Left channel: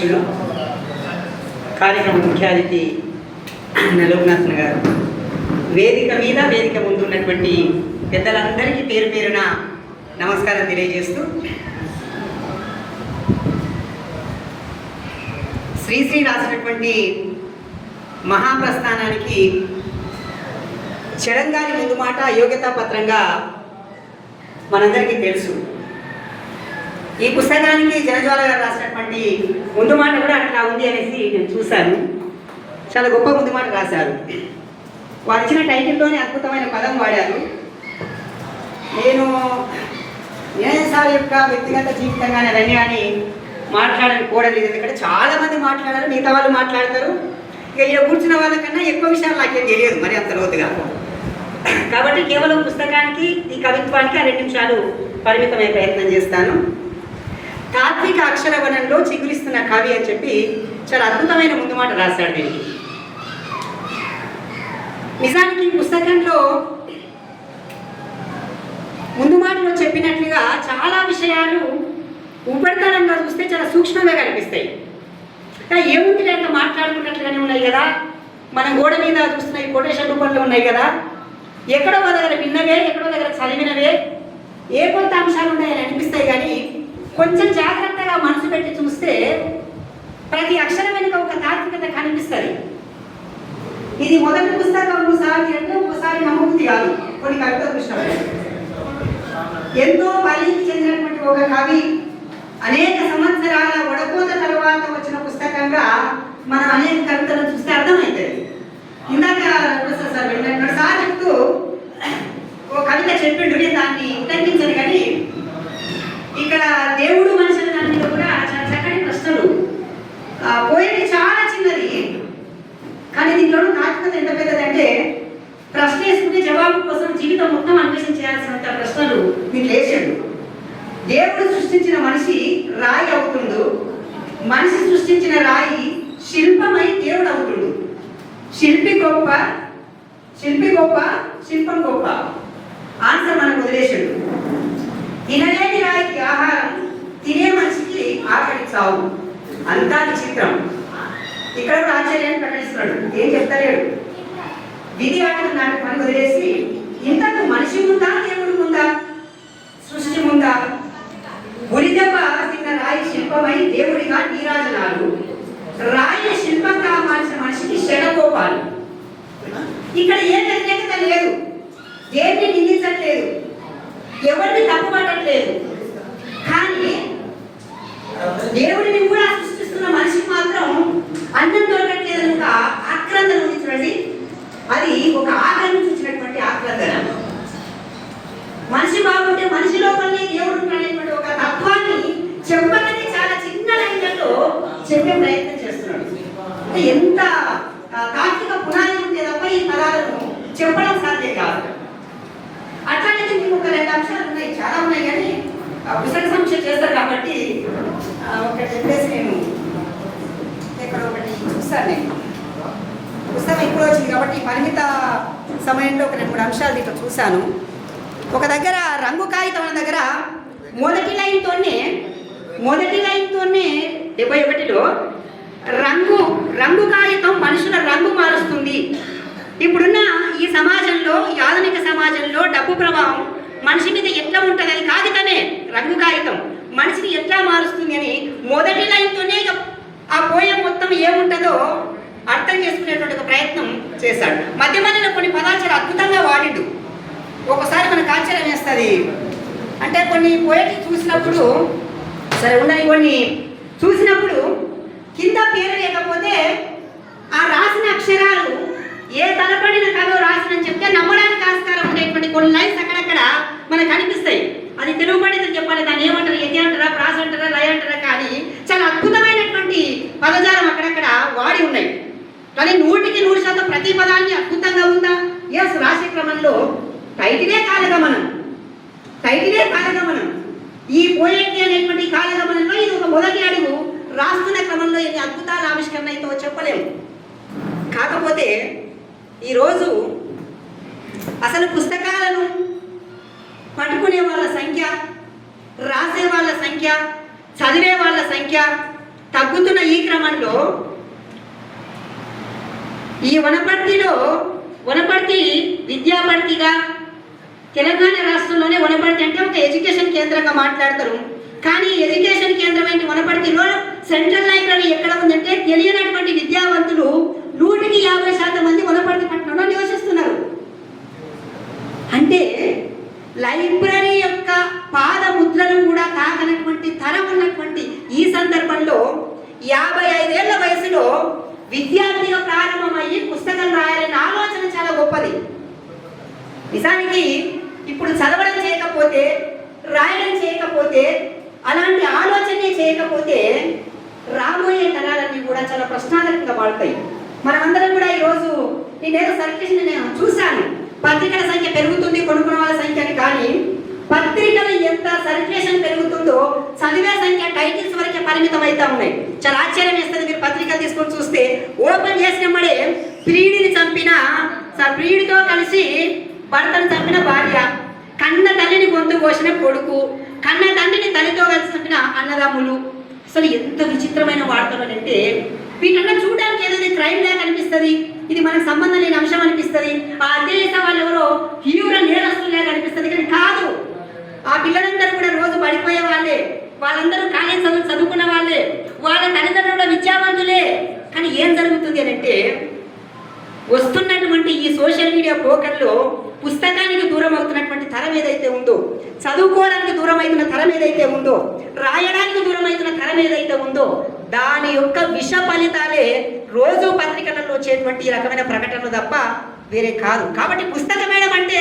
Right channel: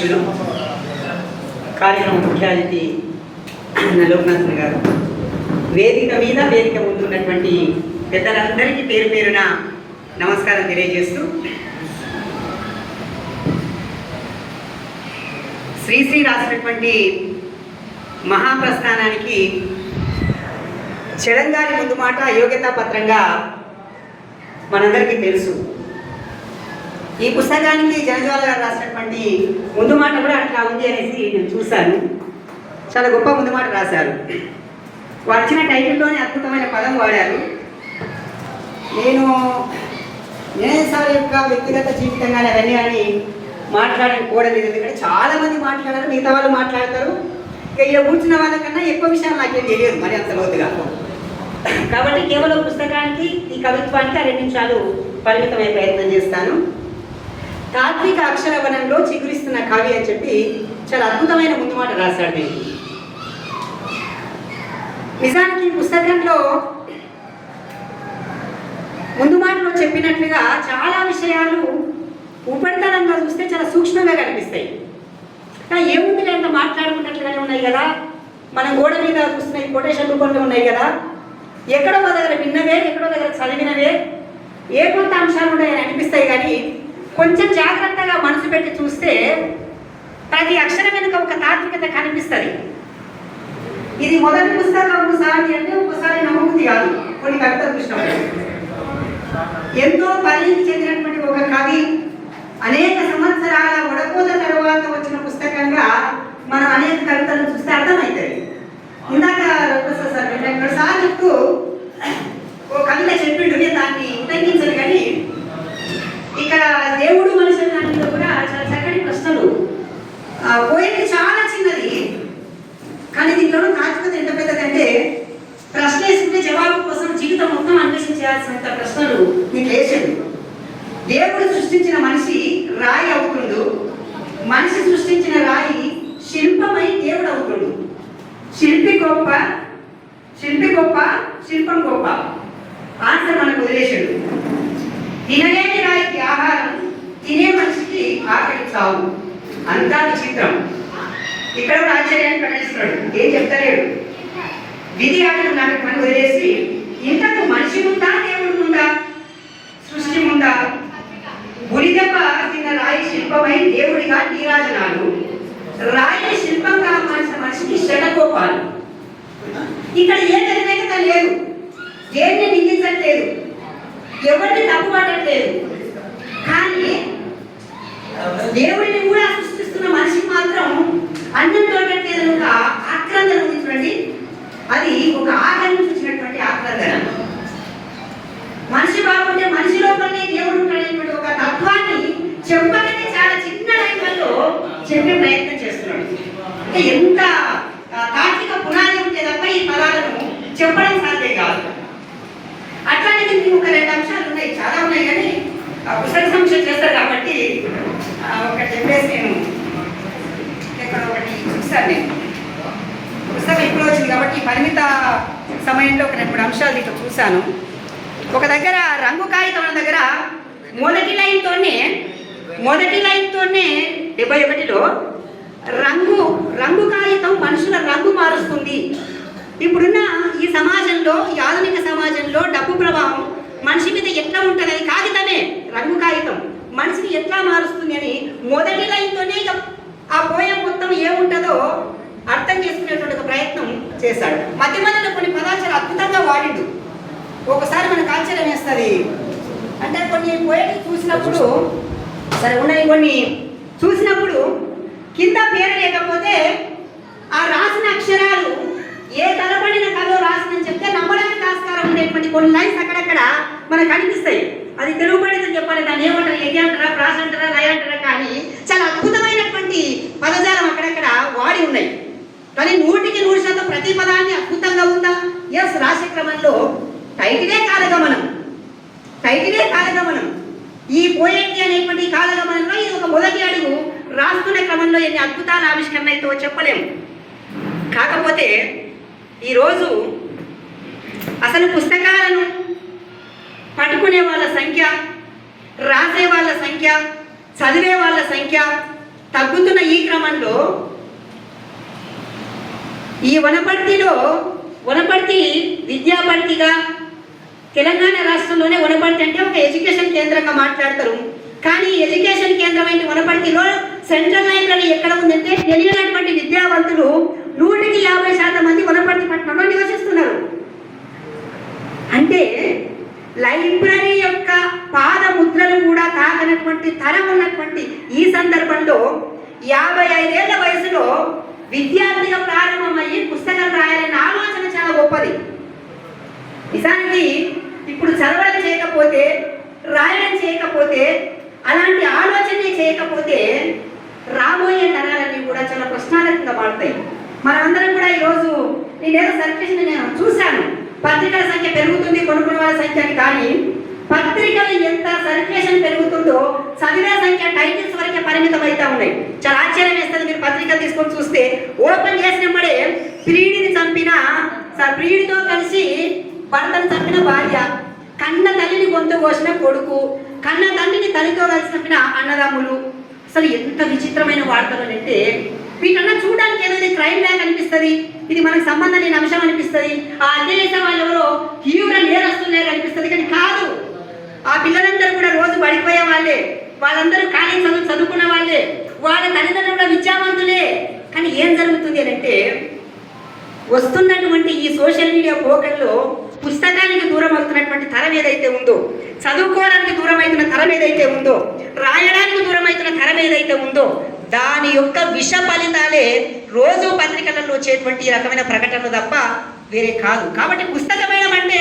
అధ్యక్షులు కార్యక్రమ ముఖ్య అతిథి లోకనాథన్ గారు. వేదిక మీద వేదిక ముందు ఉన్నటువంటి పెద్దలందరికీ పేరు పేరున నమస్కారం తెలియజేస్తూ శ్రీశ్రీ రాసినటువంటి మహాప్రస్థానానికి చెడంగారి ముందు మాట యోగ్యతా పత్రంగా మనందరికీ తెలుసు. ఈ పుస్తకానికి జనజ్వాల గారు రాసినటువంటి ముందు మాట కూడా అట్లా ఉంది అనేసి నేను చూశాను. చాలా గొప్ప ముందు మాట రాశారు. వారు ఇచ్చిన టైటిల్లోనే అద్భుతమైన పదం వాడారు. నేను సార్ యొక్క వ్యక్తిగత జీవితంగానే అవన్నీ కానీ మాట్లాడని కూడలేదు ఎందుకంటే చాలామంది మాట్లాడారు మిగతా వాళ్ళు మాట్లాడతారు. ఇక ఇక్కడ కూర్చున్న వాళ్ళకన్నా ఎక్కువ విషయాలు నాకేం తెలియదు మరి అంత లోతుగా. కాబట్టి కేవలం పుస్తకానికి ఈ కవిత్వానికి ఆ రెండు నిమిషాలు పరిమితమయ్యే ప్రయత్నం చేస్తాను. తాత్విక అక్షరవనంలో చిగురిస్తున్న కవి అని చెప్పి చాలా అద్భుతమైన ముందు మాట రాశాడు నేను నిజానికి ఈ పుస్తకంలో ముందు మాటలో చెప్పినట్లుగా చాలా విషయాలు ఉపరితలంగా చూస్తే చాలా సూక్ష్మంగా కనిపిస్తాయి. ఏముంది లేక మాట్లాడుకున్నట్లుగానే ఉన్నాయి కదా? మన గోడ మీద చూస్తున్న ఈ కొటేషన్ రూపంలో ఉన్నాయి కదా? ఎక్కడో ఒక దగ్గర విన్నవే ఎక్కడో దగ్గర చదివినవే. ఏ కొంత అంశాలు ఉన్నాయని అనిపిస్తాయి కానీ కొంచెం జాగ్రత్తగా మనసు పెట్టి చూస్తే ప్రతి అక్షరం వెనుక ఒక తాత్వికత కనిపిస్తుంది. ఇది మొదటి పుస్తకం ఒకసారి అంటే ఒకసారి నమ్మబుద్ధి కాదు. కొన్ని కవితలు చూసినప్పుడు ఎంతో పరిణితి చెందినటువంటి ఒక కవి అనేక సంవత్సరాల వడకోత తర్వాత వచ్చిన పుస్తకంగా మనం అనేక కవితలు చూస్తే అర్థమవుతుంది ఇందాక రఘుప్రసాద్ సార్ రెండు సార్ చెప్తూ ఓ కవిత చెప్పిండు నేను దాన్ని ఉల్లంఘించను కానీ ఇక్కడ దేవుడు మనిషి అనే దాని మీద కూడా చాలా చక్కటి ప్రశ్నలు ఆ పోయేది చాలా చిన్నది కానీ దీంట్లో తాత్వికత ఎంత పెద్దదంటే ప్రశ్న వేసుకుంటే జవాబు కోసం జీవితం మొత్తం అన్వేషించాల్సినంత ప్రశ్నలు మీకు వేసాడు దేవుడు సృష్టించిన మనిషి రాయి అవుతుండు. మనిషి సృష్టించిన రాయి శిల్పమై దేవుడు అవుతుండు. శిల్పి గొప్ప శిల్పి గొప్ప శిల్పం గొప్ప. ఆన్సర్ మనకు వదిలేసాడు తినలేని రాయికి ఆహారం తినే మనిషికి ఆకలి చావు. అంతా విచిత్రం. ఇక్కడ కూడా ఆశ్చర్యాన్ని ప్రకటిస్తున్నాడు ఏం చెప్తలేడు. విధి ఆటలు నాకు పని వదిలేసి ఇంతకు మనిషి ఉందా దేవుడు ఉందా సృష్టి ఉందా గురిదెబ్బ తిన్న రాయి శిల్పమై దేవుడిగా నీరాజనాలు రాయిని శిల్పంగా మార్చిన మనిషికి శటకోపాలు ఇక్కడ ఏ వ్యతిరేకత లేదు. దేన్ని నిందించట్లేదు. ఎవరిని తప్పుపట్టట్లేదు. కానీ దేవుడి కూడా సృష్టిస్తున్న మనిషికి మాత్రం అన్నం దొరకట్లేదు ఒక ఆక్రందన ఉంది చూడండి అది ఒక ఆకలిని చూసినటువంటి ఆక్రందన మనిషి బాగుంటే మనిషి లోపలనే దేవుడు ఉంటాడనేటువంటి ఒక తత్వాన్ని చెప్పాలని చాలా చిన్న లైన్లలో చెప్పే ప్రయత్నం చేస్తున్నాడు. అంటే ఎంత ఆ, తాత్విక పునాది ఉంటే తప్ప ఈ పదాలను చెప్పడం సాధ్యం కాదు. అట్లాంటి దీనికి ఒక రెండు అంశాలు ఉన్నాయి. చాలా ఉన్నాయి కానీ పుస్తక సమీక్ష చేస్తారు కాబట్టి ఒకటి చెప్పేసి నేను ఇక్కడ ఒకటి చూస్తాను నేను. పుస్తకం ఎప్పుడు వచ్చింది కాబట్టి పరిమిత సమయంలో ఒక రెండు మూడు అంశాలు ఇక్కడ చూశాను. ఒక దగ్గర రంగు కాగితం దగ్గర మొదటి లైన్తోనే మొదటి లైన్తోనే డెబ్బై ఒకటిలో రంగు రంగు కాగితం మనుషుల రంగు మారుస్తుంది. ఇప్పుడున్న ఈ సమాజంలో ఈ ఆధునిక సమాజంలో డబ్బు ప్రభావం మనిషి మీద ఎట్లా ఉంటుంది అది కాగితమే రంగు కాగితం. మనిషిని ఎట్లా మారుస్తుంది అని మొదటి లైన్తోనే ఇక ఆ పోయం మొత్తం ఏముంటుందో అర్థం చేసుకునేటువంటి ఒక ప్రయత్నం చేశాడు. మధ్య మధ్యలో కొన్ని పదాలు చాలా అద్భుతంగా వాడిండు. ఒకసారి మనకు ఆశ్చర్యం వేస్తుంది అంటే కొన్ని పోయిటరీ చూసినప్పుడు సరే ఉన్నాయి కొన్ని. చూసినప్పుడు కింద పేరు లేకపోతే ఆ రాసిన అక్షరాలు ఏ తలపడిన కథ రాసినని చెప్తే నమ్మడానికి ఆస్కారం ఉండేటువంటి కొన్ని లైన్స్ అక్కడక్కడ మనకు కనిపిస్తాయి. అది తెలుగు పండితులు చెప్పాలి దాన్ని ఏమంటారు ఎది అంటారా ప్రాస అంటారా లయ అంటారా కానీ చాలా అద్భుతమైనటువంటి పదజాలం అక్కడక్కడ వాడి ఉన్నాయి. కానీ నూటికి నూరు శాతం ప్రతి పదాన్ని అద్భుతంగా ఉందా? ఎస్ రాసే క్రమంలో టైటిలే కాలగమనం. టైటిలే కాలగమనం. ఈ పోయేటి అనేటువంటి కాలగమనంలో ఇది ఒక మొదటి అడుగు. రాస్తున్న క్రమంలో ఎన్ని అద్భుతాల ఆవిష్కరణ అయితే చెప్పలేము. కాకపోతే ఈరోజు అసలు పుస్తకాలను పట్టుకునే వాళ్ళ సంఖ్య రాసే వాళ్ళ సంఖ్య చదివే వాళ్ళ సంఖ్య తగ్గుతున్న ఈ క్రమంలో ఈ వనపర్తిలో వనపర్తి విద్యాపర్తిగా తెలంగాణ రాష్ట్రంలోనే వనపర్తి అంటే ఒక ఎడ్యుకేషన్ కేంద్రంగా మాట్లాడతారు. కానీ ఎడ్యుకేషన్ కేంద్రం ఏంటి వనపర్తిలో సెంట్రల్ లైబ్రరీ ఎక్కడ ఉందంటే తెలియనటువంటి విద్యావంతులు నూటికి యాభై శాతం మంది వనపర్తి పట్టణంలో నివసిస్తున్నారు. అంటే లైబ్రరీ యొక్క పాద ముద్రలు కూడా తాకనటువంటి తరం ఉన్నటువంటి ఈ సందర్భంలో యాభై ఐదేళ్ళ వయసులో విద్యార్థిగా ప్రారంభమయ్యి పుస్తకం రాయాలనే ఆలోచన చాలా గొప్పది. నిజానికి చేయకపోతే రాయడం చేయకపోతే అలాంటి ఆలోచనే చేయకపోతే రాబోయే తరాలన్నీ కూడా చాలా ప్రశ్నార్థకంగా పడతాయి మనమందరం కూడా ఈరోజు నేనేదో సర్క్యులేషన్ నేను చూశాను. పత్రికల సంఖ్య పెరుగుతుంది కొనుక్కున్న వాళ్ళ సంఖ్య అని కానీ పత్రికలు ఎంత సర్క్యులేషన్ పెరుగుతుందో చదివే సంఖ్య టైటిల్స్ వరకే పరిమితం అవుతా ఉన్నాయి. చాలా ఆశ్చర్యం వేస్తుంది మీరు పత్రికలు తీసుకొని చూస్తే. ఓపెన్ చేసినప్పుడే ప్రియుడిని చంపిన స- ప్రియుడితో కలిసి భర్తను చంపిన భార్య. కన్న తల్లిని గొంతు కోసిన కొడుకు కన్న తండ్రిని తల్లితో కలిసి చంపిన అన్నదమ్ములు. అసలు ఎంత విచిత్రమైన వార్తలు అంటే వీటన్నా చూడడానికి ఏదైతే క్రైమ్ లాగా అనిపిస్తుంది? ఇది మనకు సంబంధం లేని అంశం అనిపిస్తుంది? ఆ అధ్యయత వాళ్ళు ఎవరో తీవ్ర నేరస్తులాగా అనిపిస్తుంది కానీ కాదు. ఆ పిల్లలందరూ కూడా రోజు పడిపోయే వాళ్ళే. వాళ్ళందరూ కాలేజ్ చదువు చదువుకున్న వాళ్ళే. వాళ్ళ తల్లిదండ్రుల విద్యావంతులే. కానీ ఏం జరుగుతుంది అని అంటే వస్తున్నటువంటి ఈ సోషల్ మీడియా పోకర్లో పుస్తకాన్ని దూరం అవుతున్నటువంటి తరం ఏదైతే ఉందో చదువుకోవడానికి దూరం అవుతున్న తరం ఏదైతే ఉందో రాయడానికి దూరం అవుతున్న తరం ఏదైతే ఉందో దాని యొక్క విష ఫలితాలే రోజు పత్రికలలో వచ్చేటువంటి ఈ రకమైన ప్రకటనలు తప్ప వేరే కాదు. కాబట్టి పుస్తకమైన అంటే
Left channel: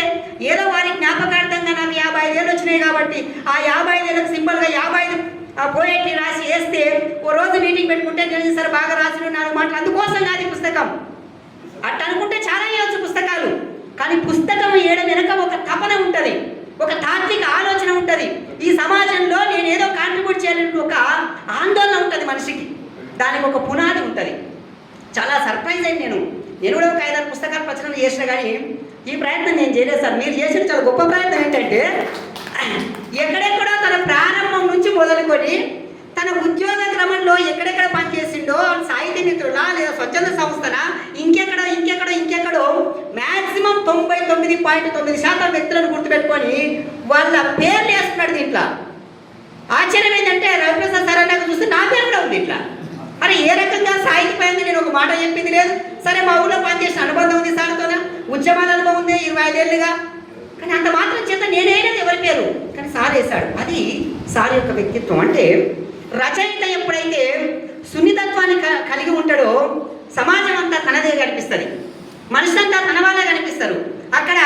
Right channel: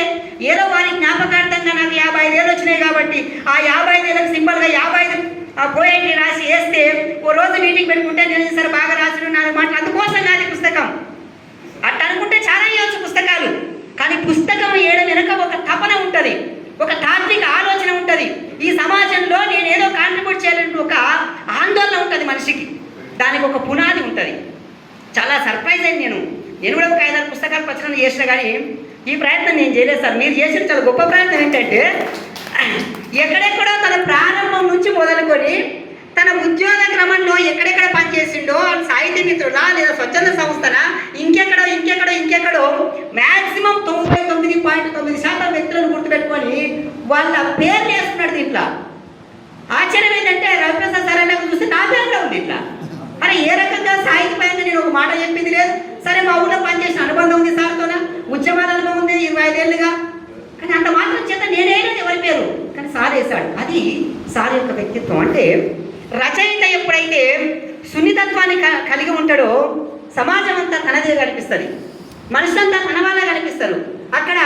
ఏదో వారి జ్ఞాపకార్థంగా నాకు యాభై ఐదేళ్ళు వచ్చినాయి కాబట్టి ఆ యాభై ఐదేళ్ళకి సింపుల్గా యాభై ఐదు ఆ పోయేటి రాసి వేస్తే ఓ రోజు మీటింగ్ పెట్టుకుంటే నేను సరే బాగా రాసిన నాలుగు మాటలు. అందుకోసం కాదు పుస్తకం. అట్ట అనుకుంటే చాలా ఇవ్వచ్చు పుస్తకాలు. కానీ పుస్తకం ఏడ వెనక ఒక తపన ఉంటుంది. ఒక తాత్విక ఆలోచన ఉంటుంది. ఈ సమాజంలో నేను ఏదో కాంట్రిబ్యూట్ చేయాలని ఒక ఆందోళన ఉంటుంది మనిషికి. దానికి ఒక పునాది ఉంటుంది. చాలా సర్ప్రైజ్ అయింది నేను. నేను కూడా ఒక ఐదారు పుస్తకాలు ప్రచురణ చేసిన కానీ ఈ ప్రయత్నం నేను చేయలేదు సార్. మీరు చేసిన చాలా గొప్ప ప్రయత్నం ఏంటంటే ఎక్కడెక్కడో తన ప్రారంభం నుంచి మొదలుకొని తన ఉద్యోగ క్రమంలో ఎక్కడెక్కడ పనిచేసిండో సాహిత్య మిత్రులా లేదా స్వచ్ఛంద సంస్థన? ఇంకెక్కడో ఇంకెక్కడో ఇంకెక్కడో మ్యాక్సిమం తొంభై తొమ్మిది పాయింట్ తొమ్మిది శాతం వ్యక్తులను గుర్తుపెట్టుకొని వాళ్ళ పేర్లు వేస్తున్నాడు దీంట్లో. ఆశ్చర్యం ఏంటంటే రవిప్రసాద్ సార్ నాకు చూస్తే నా పేరు కూడా ఉంది ఇట్లా. అరే ఏ రకంగా సాహిత్యపరంగా నేను ఒక మాట చెప్పింది లేదు. సరే మా ఊళ్ళో పనిచేసిన అనుబంధం ఉంది సార్తోన? ఉద్యమాల అనుభవం ఉంది ఇరవై ఐదేళ్ళుగా కానీ అంత మాత్రం చేత నేనేనది ఎవరి పేరు? కానీ సార్ వేశాడు. అది సార్ యొక్క వ్యక్తిత్వం. అంటే రచయిత ఎప్పుడైతే సున్నితత్వాన్ని క- కలిగి ఉంటాడో సమాజం అంతా తనదే కనిపిస్తుంది. మనుషులంతా తన వాళ్ళ కనిపిస్తారు. అక్కడ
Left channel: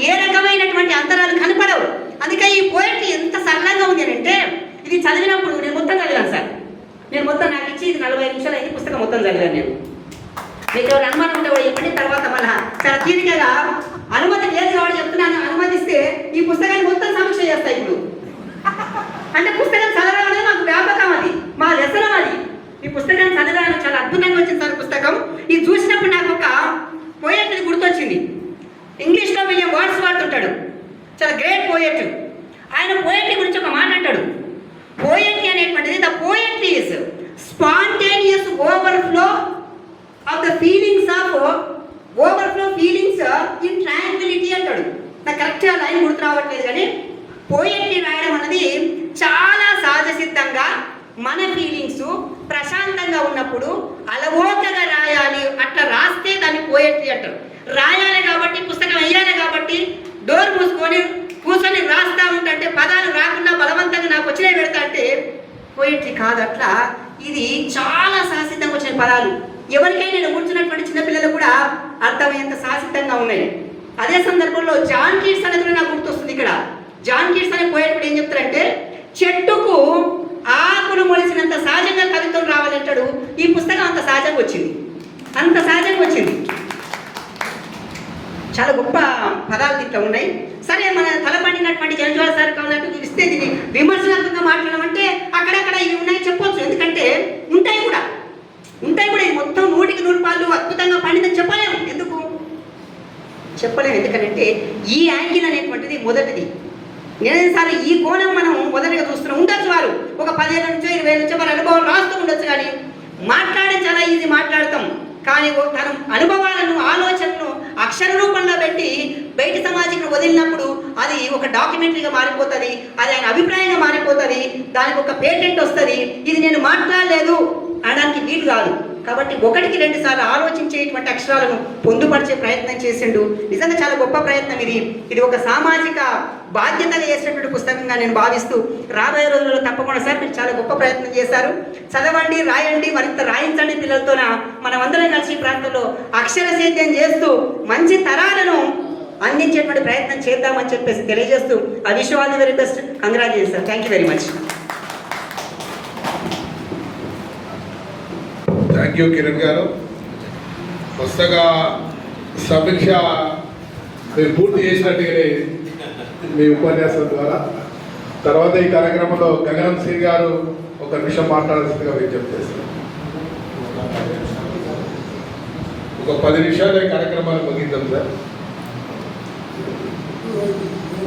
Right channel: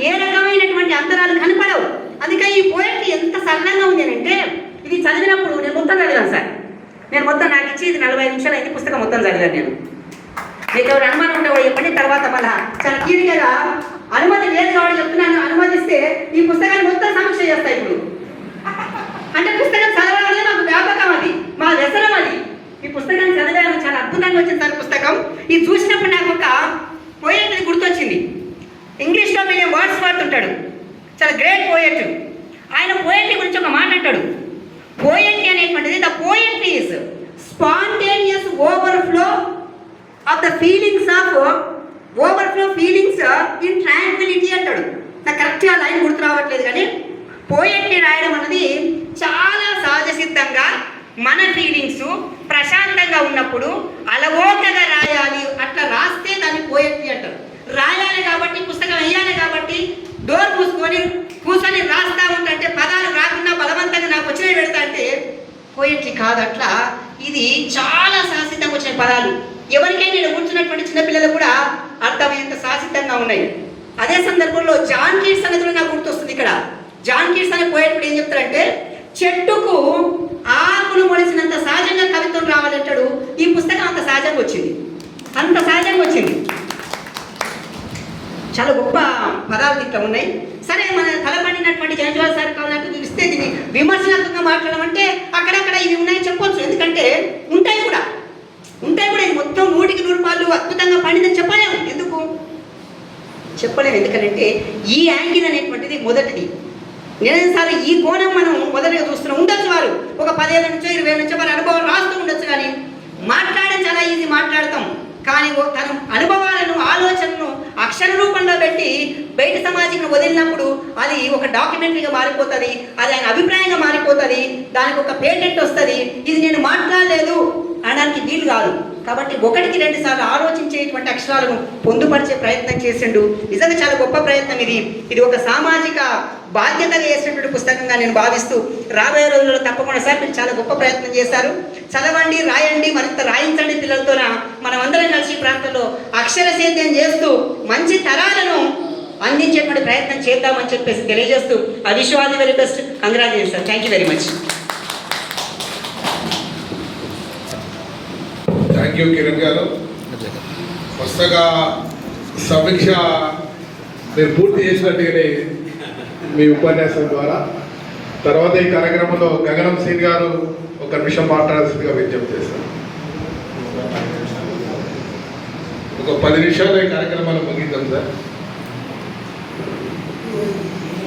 ఏ రకమైనటువంటి అంతరాలు కనపడవు. అందుకే ఈ పోయిట్ ఎంత సరళంగా ఉంది అని అంటే ఇది చదివినప్పుడు నేను మొత్తం చదివాను సార్. నేను మొత్తం నాకు ఇచ్చి ఇది నలభై నిమిషాలు అయితే పుస్తకం మొత్తం చదివాను నేను. మీకు అనుమానం ఉంటే చెప్పండి తర్వాత మళ్ళా చాలా తీరికగా అనుమతి లేదు కాబట్టి చెప్తున్నాను. అనుమతిస్తే ఈ పుస్తకాన్ని మొత్తం సమీక్ష చేస్తాయి ఇప్పుడు. అంటే పుస్తకం చదవడం అనేది మాకు వ్యాపకం అది మా వ్యసనం అది ఈ పుస్తకం చదివాను చాలా అద్భుతంగా వచ్చింది సార్ పుస్తకం. ఇది చూసినప్పుడు నాకు ఒక పోయట్ గుర్తొచ్చింది. ఇంగ్లీష్లో విలియం వర్డ్స్ వాడుతుంటాడు. చాలా గ్రేట్ పోయట్ ఆయన పోయట్రీ గురించి ఒక మాట అంటాడు. పోయట్రీ అనేటువంటిది the poetry is spontaneous overflow of the feelings of overflow feelings in tranquility అంటాడు. నాకు కరెక్ట్గా లైన్ గుర్తు రావట్లేదు కానీ పోయట్రీ రాయడం అనేది చాలా సహజసిద్ధంగా మన ఫీలింగ్స్ ప్రశాంతంగా ఉన్నప్పుడు అలవోకగా రాయాలి అట్లా రాస్తే దాన్ని పోయట్రీ అంటారు. రాయాలి కాబట్టి పుస్తకం వేయాలి కాబట్టి డోర్ మూసుకొని కూర్చొని రాస్తా ఉంటే పదాలు రాకుండా బలవంతంగా నాకు వచ్చినవి పెడతా అంటే పోయిట్రీ కాదు అట్లా. ఇది చాలా సాహసితంగా వచ్చిన పదాలు. ఎవరికైనా నేను కూర్చున్నటువంటి చిన్నపిల్లలు కూడా అర్థమయ్యేంత సాహసితంగా ఉన్నాయి. అదే సందర్భంలో జాన్ కీట్స్ అనేది నాకు గుర్తొస్తుంది ఇక్కడ. జాన్ కీట్స్ అనే పోయేటప్పుడు ఏం చెప్తారంటే చెట్టుకు ఆకులు మొలిసినంత సహజంగా కవిత్వం రావాలంటాడు. ఈ పుస్తకం అంత సహజంగా వచ్చింది. అంత సహజంగా వచ్చింది. చాలా గొప్ప పదాలు దీంట్లో ఉన్నాయి. సరే మన తలపడినటువంటి జనజోళ సార్ కావాలంటే ఇస్తే దీన్ని విమర్శనాత్మకంగా మాట్లాడడం అంటే అక్కడక్కడ ఇవి ఉన్నాయి చెప్పొచ్చు. ఎందుకంటే ఉంటాయి కూడా. ఉంటాయి కూడా. ఇది మొత్తం నూటికి నూరు పాలు అద్భుతంగా పండిందని చెప్పలేము. ఎందుకు? చెప్పలేము. ఎందుకంటే ఈ యాంగిల్ అనేటువంటిది మొదటిది. నేను ఈ కోణం మనం మొదటిగా చూస్తున్నాం. ఉండొచ్చు వారు. ఒక పదిహేను నుంచో ఇరవై నుంచో మన అనుభవం రాస్తూ ఉండొచ్చు కానీ మాట్లాడడం చాలా ఈజీ మాట్లాడతాం. కానీ ఓ- తన అనుభవాలను ఆలోచనలను అక్షర రూపంలో పెట్టి బయట సమాజంలో వదిలినప్పుడు అది ఒక డాక్యుమెంటరీగా మారిపోతుంది అది ఆయన అభిప్రాయంగా మారిపోతుంది దానికి ఒక పేటెంట్ వస్తుంది. ఇది నేను మాట్లాడలేదు అనడానికి వీలు కాదు. కాబట్టి ఒకటికి రెండు సార్లు ఆలోచించేటువంటి అక్షరాలను పొందుపరిచే ప్రయత్నం చేసిండు. నిజంగా చాలా గొప్ప ప్రయత్నం ఇది. ఇది ఒక సామాజిక బాధ్యత వేసినటువంటి పుస్తకంగా నేను భావిస్తూ రాబోయే రోజుల్లో తప్పకుండా సార్ మీరు చాలా గొప్ప ప్రయత్నం చేశారు. చదవండి రాయండి మరింత రాయించండి పిల్లలతోన మనం అందరం కలిసి ప్రాంతంలో అక్షర సేద్యం చేస్తూ మంచి తరాలను అందించేటువంటి ప్రయత్నం చేద్దామని చెప్పేసి తెలియజేస్తూ ఆ wish very best. Congratulation. Thank you very much thank you Kiran garu పుస్తక సమీక్ష మీరు పూర్తి చేసినట్టుగానే మీ ఉపన్యాసం ద్వారా. తర్వాత ఈ కార్యక్రమంలో గగనం సింగ్ గారు ఒక నిమిషం మాట్లాడాల్సిందిగా విజ్ఞప్తి చేస్తారు ఒక పది నిమిషాలు కార్యక్రమాలు ముగిద్దాం సార్.